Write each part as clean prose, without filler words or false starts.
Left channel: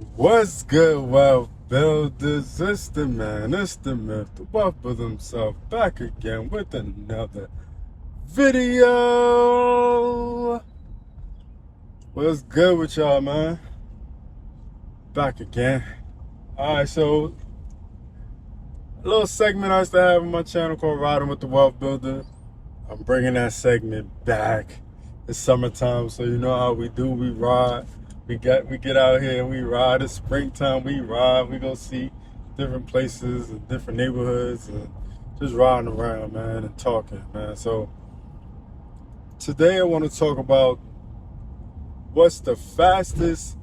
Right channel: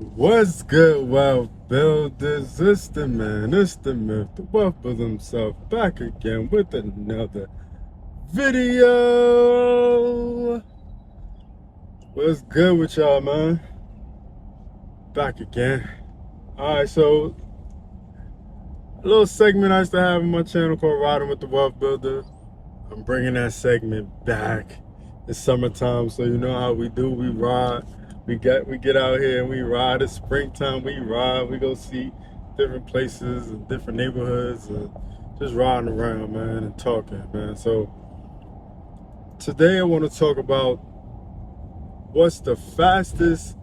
What's good, wealth builders? It's the man, it's the myth, the wealth builder himself, back again with another video. What's good with y'all, man? Back again. Alright, so a little segment I used to have on my channel called Riding with the Wealth Builder. I'm bringing that segment back. It's summertime, so you know how we do. We ride. We get out here and we ride. It's springtime. We ride. We go see different places and different neighborhoods and just riding around, man, and talking, man. So today I want to talk about what's the fastest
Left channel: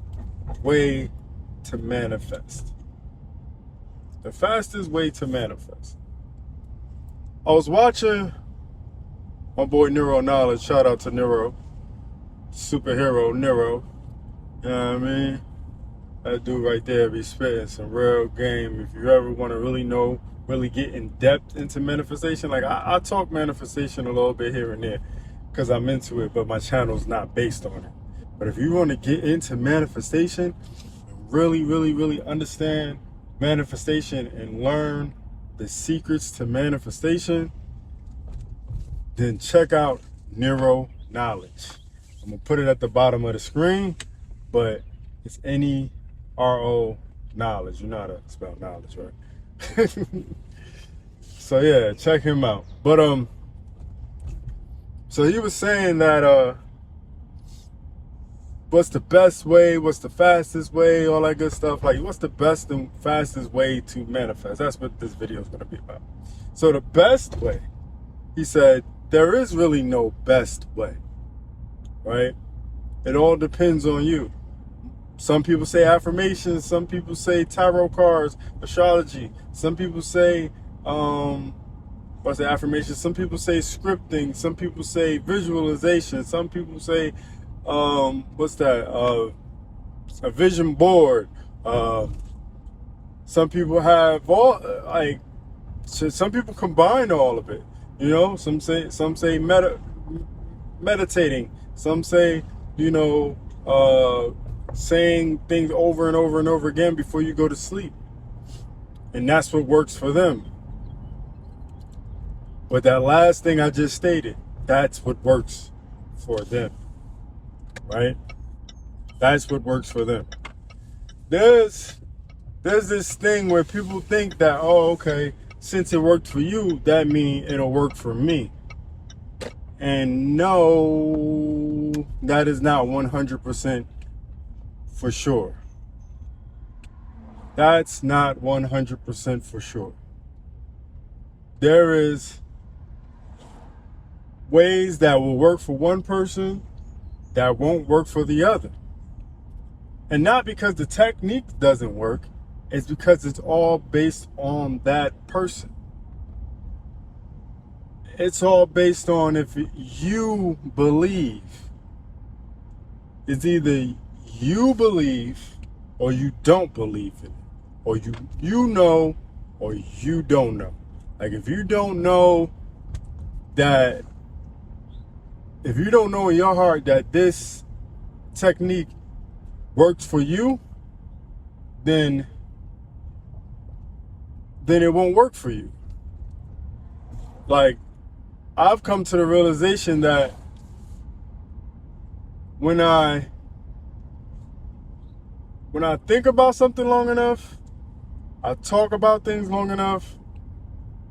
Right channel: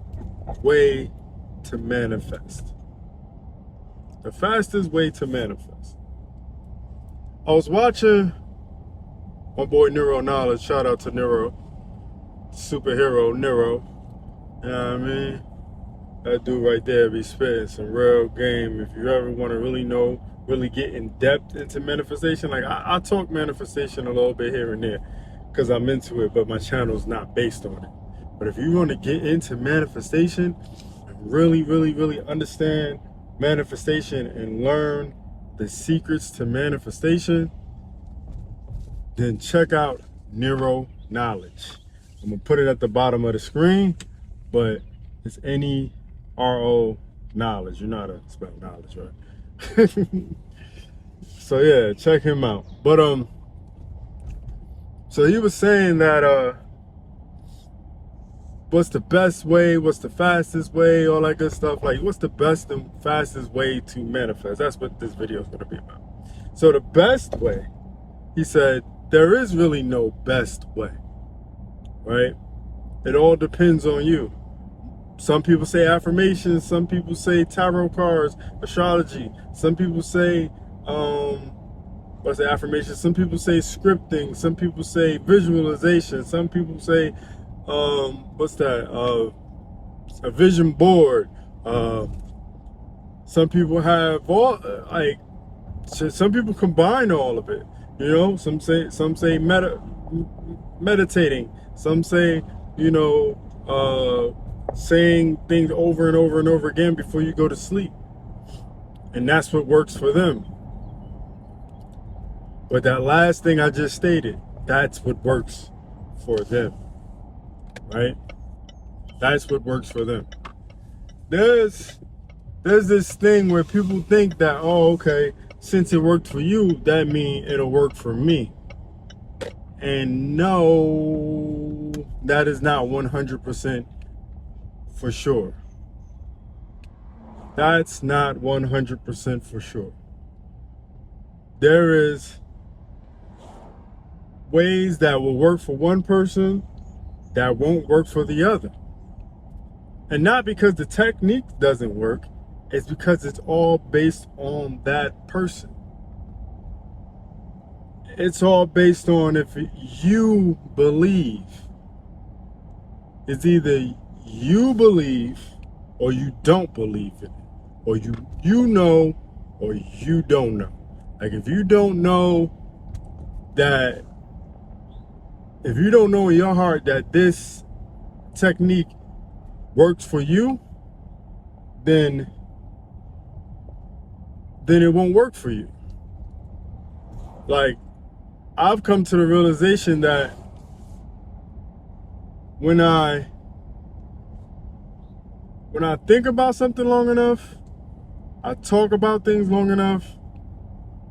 way to manifest. The fastest way to manifest. I was watching my boy Neuro Knowledge. Shout out to Neuro. Superhero Neuro. You know what I mean? That dude right there be spitting some real game. If you ever want to really know, really get in depth into manifestation, like I talk manifestation a little bit here and there because I'm into it, but my channel's not based on it. But if you want to get into manifestation, really understand manifestation and learn the secrets to manifestation, then check out Neuro Knowledge. I'm gonna put it at the bottom of the screen, but it's N-E-R-O knowledge. You know how to spell knowledge, right? So yeah, check him out. But so he was saying that what's the best way, what's the fastest way, all that good stuff. Like, what's the best and fastest way to manifest? That's what this video is gonna be about. So the best way, he said, there is really no best way, right? It all depends on you. Some people say affirmations, some people say tarot cards, astrology. Some people say, what's the affirmation? Some people say scripting. Some people say visualization. Some people say, what's that? A vision board. Some people have all, like, some people combine all of it. You know, some say meditating. Some say, you know, saying things over and over and over again before you go to sleep. And that's what works for them. But that last thing I just stated, that's what works for them. Right? That's what works for them. There's this thing where people think that, oh, okay, since it worked for you, that means it'll work for me. And no, that is not 100% for sure. That's not 100% for sure. There is ways that will work for one person that won't work for the other. And not because the technique doesn't work, it's because it's all based on that person. It's all based on if you believe. It's either you believe or you don't believe in it. Or you know or you don't know. Like, if you don't know that, if you don't know in your heart that this technique works for you, then it won't work for you. Like, I've come to the realization that when I think about something long enough, I talk about things long enough,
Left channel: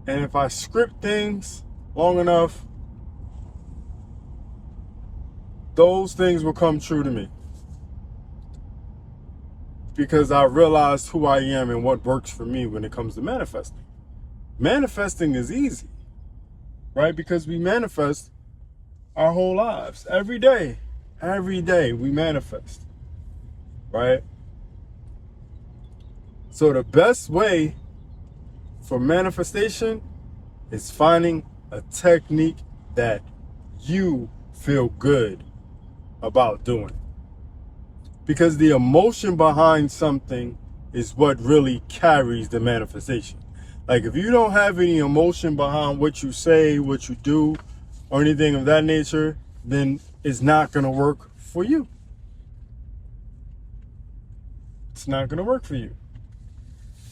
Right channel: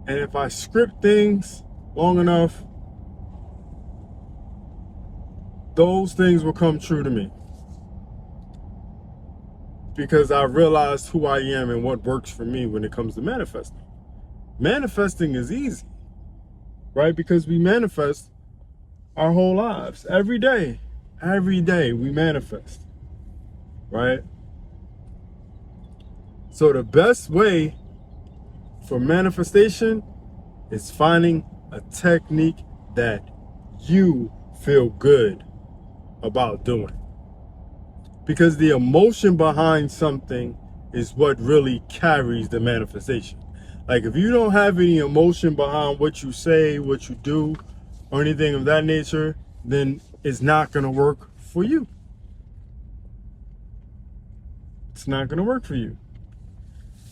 and if I script things long enough, those things will come true to me. Because I realized who I am and what works for me when it comes to manifesting. Manifesting is easy, right? Because we manifest our whole lives. Every day we manifest, right? So the best way for manifestation is finding a technique that you feel good about doing. Because the emotion behind something is what really carries the manifestation. Like, if you don't have any emotion behind what you say, what you do, or anything of that nature, then it's not going to work for you. it's not going to work for you.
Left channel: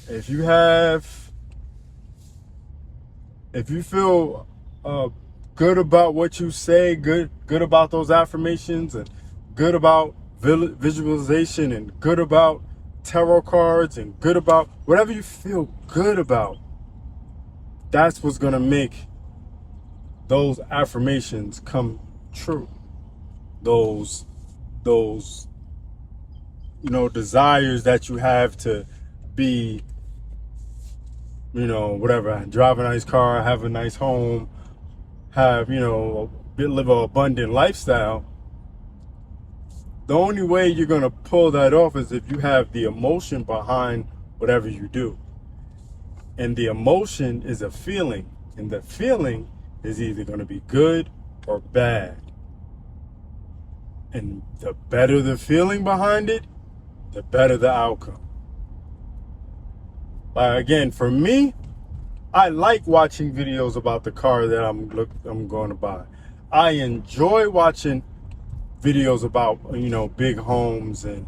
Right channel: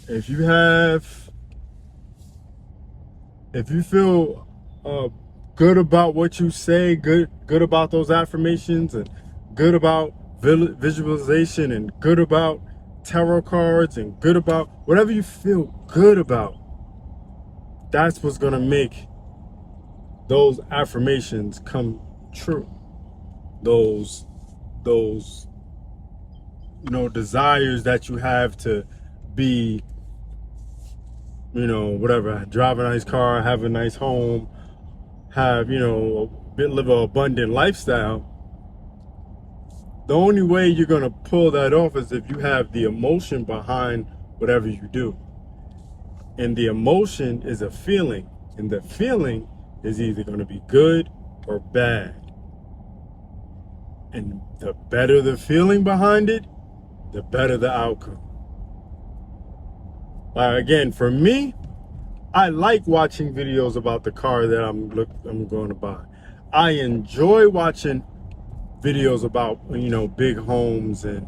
If you feel good about what you say, good about those affirmations, and good about visualization, and good about tarot cards, and good about whatever you feel good about, that's what's going to make those affirmations come true. Those desires that you have to be, whatever, drive a nice car, have a nice home, have, live an abundant lifestyle. The only way you're going to pull that off is if you have the emotion behind whatever you do. And the emotion is a feeling, and the feeling is either going to be good or bad. And the better the feeling behind it, the better the outcome. Again, for me, I like watching videos about the car that I'm going to buy. I enjoy watching videos about, big homes and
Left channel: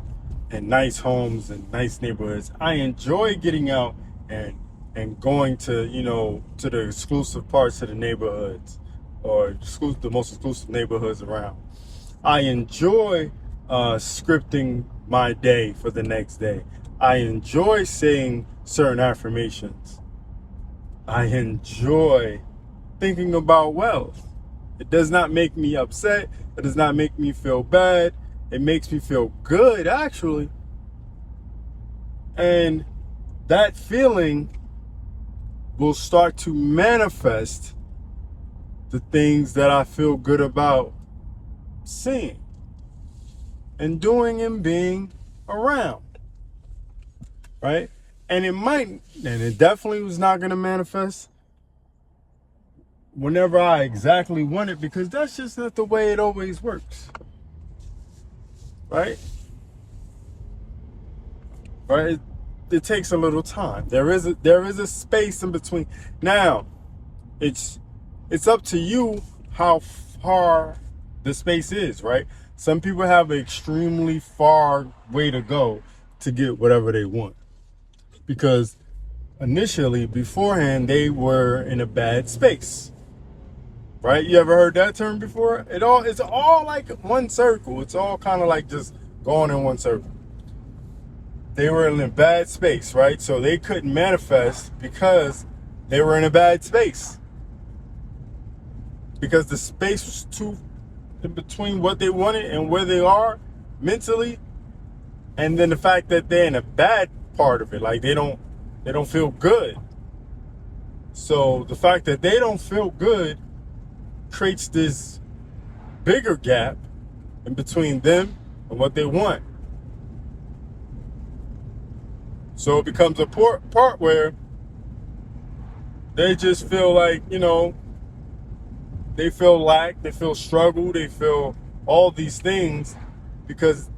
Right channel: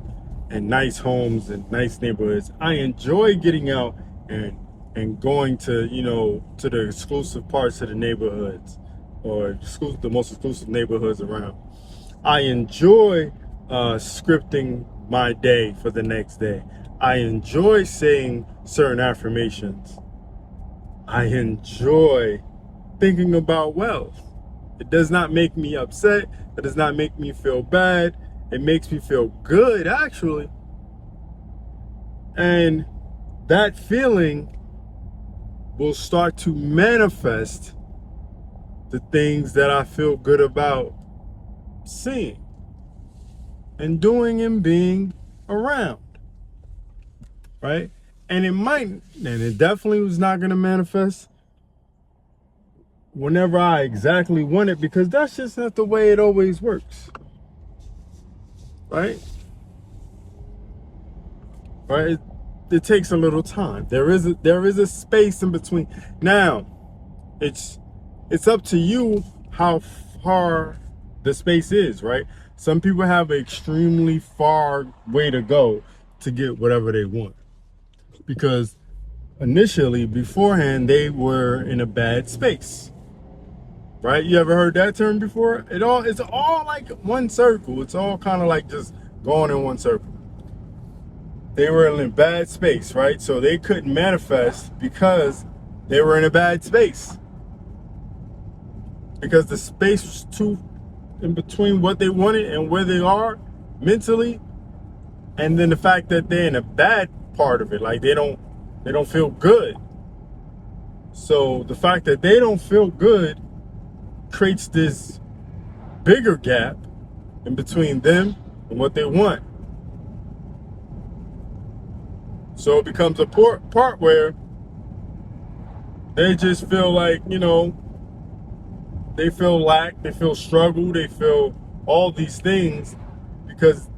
nice homes and nice neighborhoods. I enjoy getting out and going to, to the exclusive parts of the neighborhoods, or the most exclusive neighborhoods around. I enjoy scripting my day for the next day. I enjoy saying certain affirmations. I enjoy thinking about wealth. It does not make me upset. It does not make me feel bad. It makes me feel good, actually. And that feeling will start to manifest the things that I feel good about seeing and doing and being around, right? And it definitely was not going to manifest whenever I exactly want it, because that's just not the way it always works, right? Right? It takes a little time. There is a space in between. Now, it's up to you how far the space is, right? Some people have an extremely far way to go to get whatever they want, because initially, beforehand, they were in a bad space, right? You ever heard that term before? It's all like one circle. It's all kind of like just going in one circle. They were in a bad space, right? So they couldn't manifest because they were in a bad space, because the space was too in between what they wanted and where they are mentally, and then the fact that they're in a bad part of it, like they don't feel good. So the fact that they don't feel good creates this bigger gap in between them and what they want. So it becomes a part where they just feel like, they feel lack, they feel struggle, they feel all these things, because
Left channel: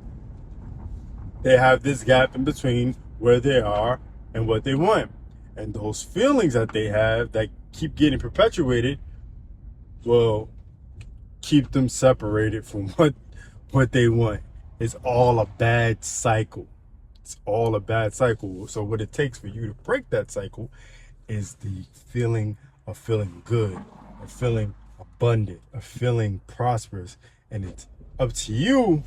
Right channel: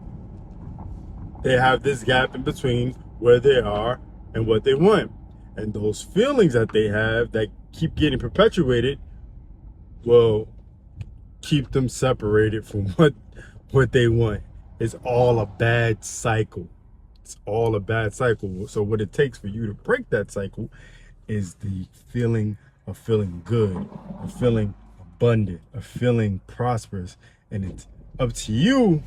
they have this gap in between where they are and what they want. And those feelings that they have that keep getting perpetuated will keep them separated from what they want. It's all a bad cycle. It's all a bad cycle. So what it takes for you to break that cycle is the feeling of feeling good, of feeling abundant, of feeling prosperous. And it's up to you.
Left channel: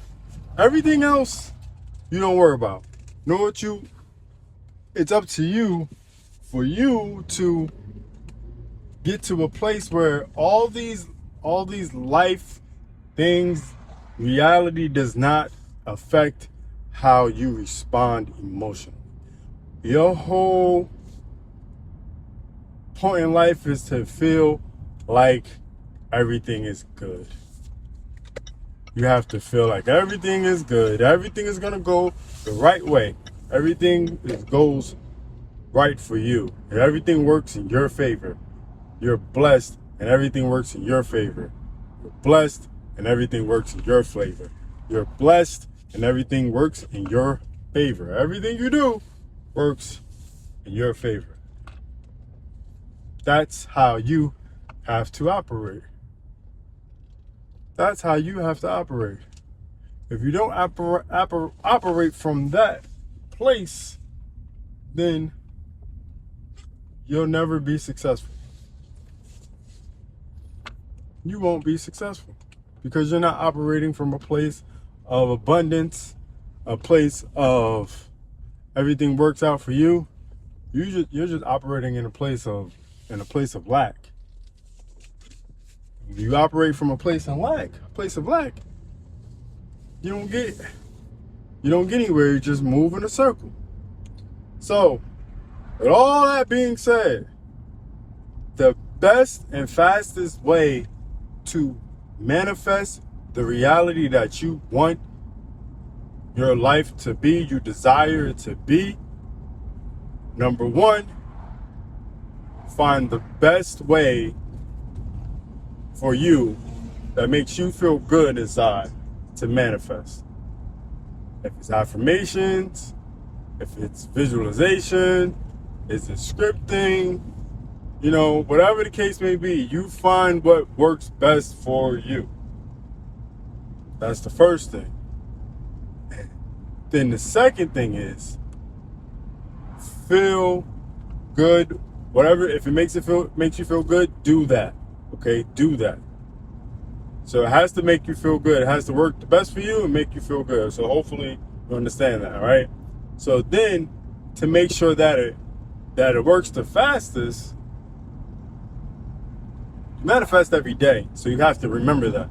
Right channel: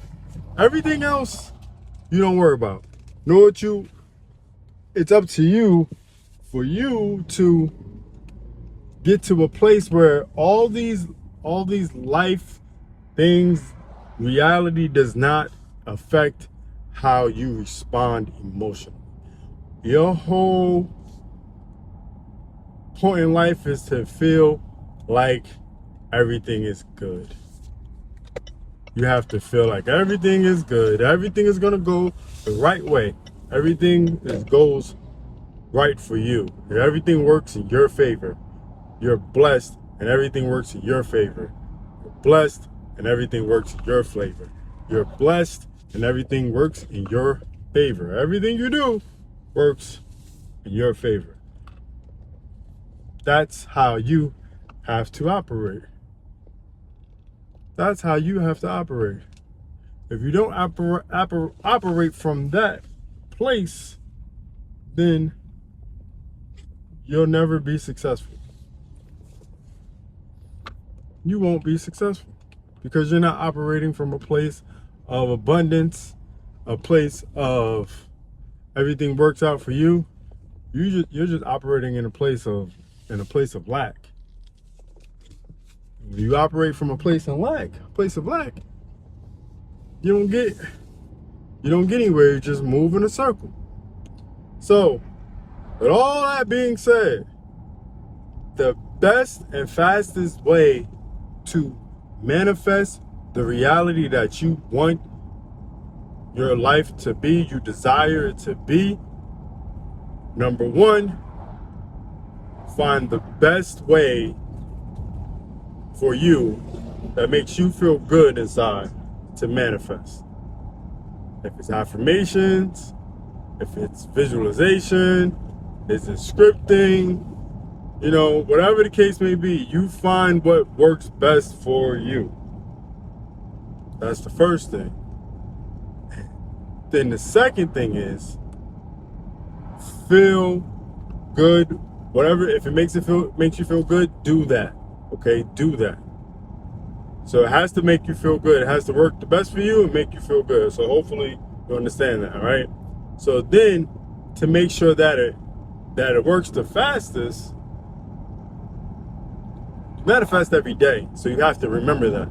Everything else you don't worry about. It's up to you, for you to get to a place where all these life things, reality does not affect how you respond emotionally. Your whole point in life is to feel like everything is good. You have to feel like everything is good. Everything is going to go the right way. Everything goes right for you. Everything works in your favor. You're blessed and everything works in your favor. You're blessed and everything works in your flavor. You're blessed and everything works in your favor. Everything you do works in your favor. That's how you have to operate. That's how you have to operate. If you don't operate from that place, then you'll never be successful. You won't be successful because you're not operating from a place of abundance, a place of everything works out for you. You're just operating in a place of lack. When you operate from a place of lack, you don't get anywhere. You just move in a circle. So, with all that being said, the best and fastest way to manifest the reality that you want your life to be, you desire it to be, number one, find the best way for you that makes you feel good inside to manifest. If it's affirmations, if it's visualization, is it scripting, whatever the case may be, you find what works best for you. That's the first thing. Then the second thing is feel good. Whatever, if it makes you feel good, do that. Okay, do that. So it has to make you feel good. It has to work the best for you and make you feel good. So hopefully you understand that, all right? So then, to make sure that it works the fastest, manifest every day. So you have to remember that.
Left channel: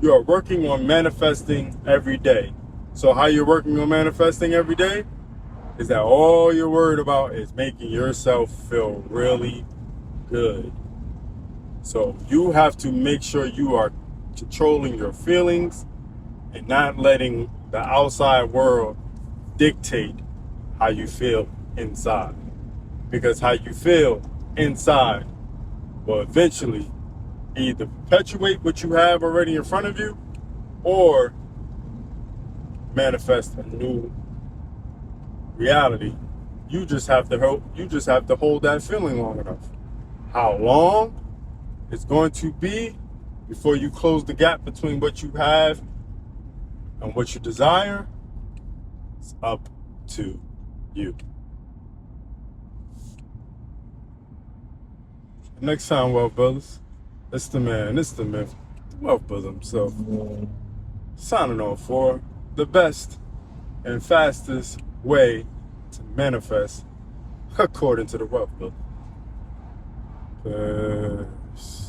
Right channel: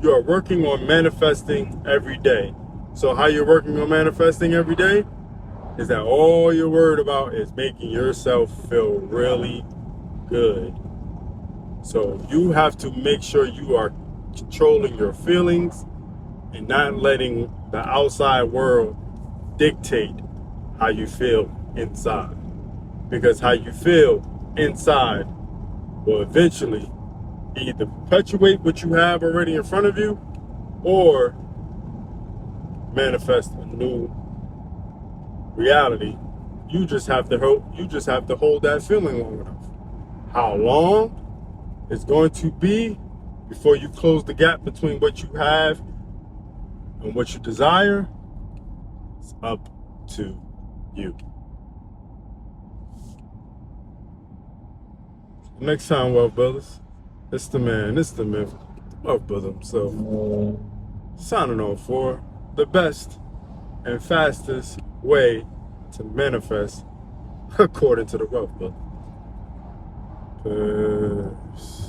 You are working on manifesting every day. So how you're working on manifesting every day is that all you're worried about is making yourself feel really good. So you have to make sure you are controlling your feelings and not letting the outside world dictate how you feel inside. Because how you feel inside will eventually either perpetuate what you have already in front of you or manifest a new reality. You just have to hold that feeling long enough. How long it's going to be before you close the gap between what you have and what you desire, it's up to you. Next time, Wealth Brothers, it's the man, it's the myth, the Wealth Brother himself, signing off for the best and fastest way to manifest according to the Wealth Brother. Peace.